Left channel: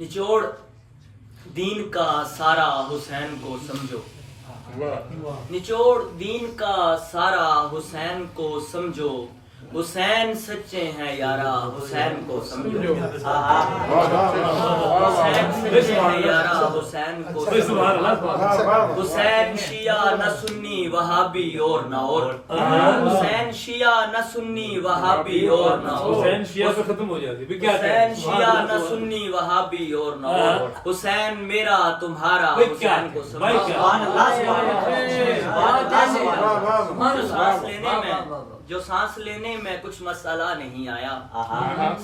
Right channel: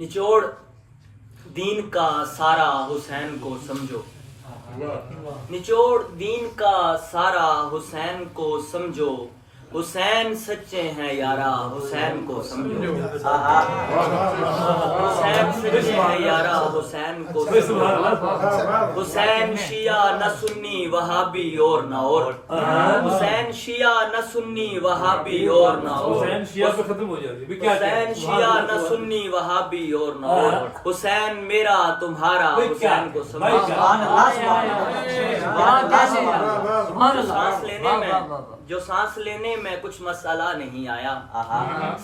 نچوڑ دین کا سارا حسین کو سمجھو، نچوڑ دین کا سارا حسین کو سمجھو، حسین سچے ہیں یارا حسین کو سمجھو، حسین سچے ہیں یارا حسین کو سمجھو، حسین شیعہ نہ سنی وہابی اور نہ اور، حسین شیعہ نہ سنی وہابی اور نہ اور، حسین شیعہ پہ ختم ہو جاتی ہے، حسین شیعہ نہ سنی وہابی اور نہ اور، حسین میرا تمہارا حسین کو سمجھو۔ سانس لینے میں کچھ مسئلہ نہیں آیا،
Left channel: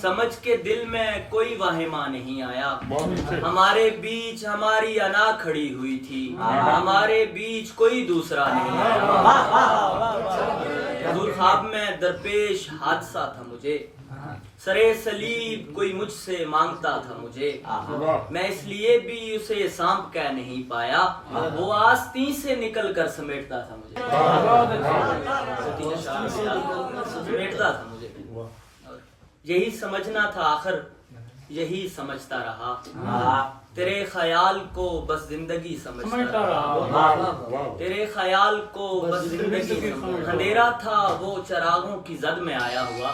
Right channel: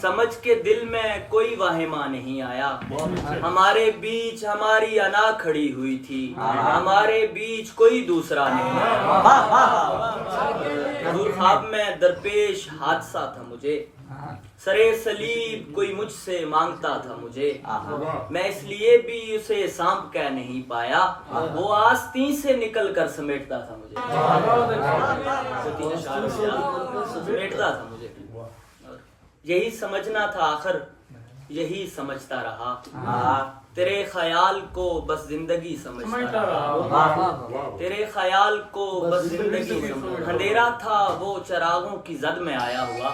سمجھ کے دل میں کوئی واہمہ نہیں آیا، ہمارے بیچ ہماری انا کھڑی ہوئی تھی، ہمارے بیچ کوئی دوسرا نہیں آیا، حضور خواب میں درپیش حادثہ تھا مجھے، سرے صلیب کوئی مجھ سے مانگتا تھا مجھے، میں اس لیے بھی اسے سانپ کہہ نہیں پایا، وہ آستین سے نکل کر سمیٹتا تھا مجھے، سمیٹتا تھا مجھے، یہی سمجھنا تھا آخر یہی سمجھتا رہا، تیرے خیال کو بس زندگی سمجھتا رہا، تیرے خیال کو بس زندگی سمجھتا، اندھیرا تھا وہ چراغوں کی زد میں آیا ہوا،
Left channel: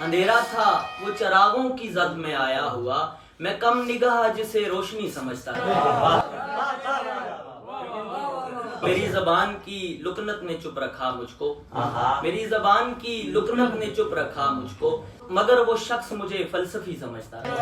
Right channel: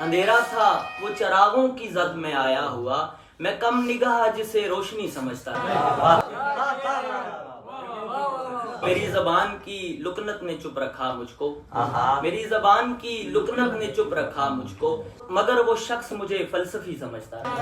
اندھیرا تھا وہ چراغوں کی زد میں آیا ہوا، میں کم نگاہ جسے روشنی سمجھتا تھا، میری زبان کی لکنت نے چپ رکھا مجھ کو، میری زبان کی لکنت نے چپ رکھا مجھ کو، مگر وہ شخص مجھے فلسفی سمجھتا تھا۔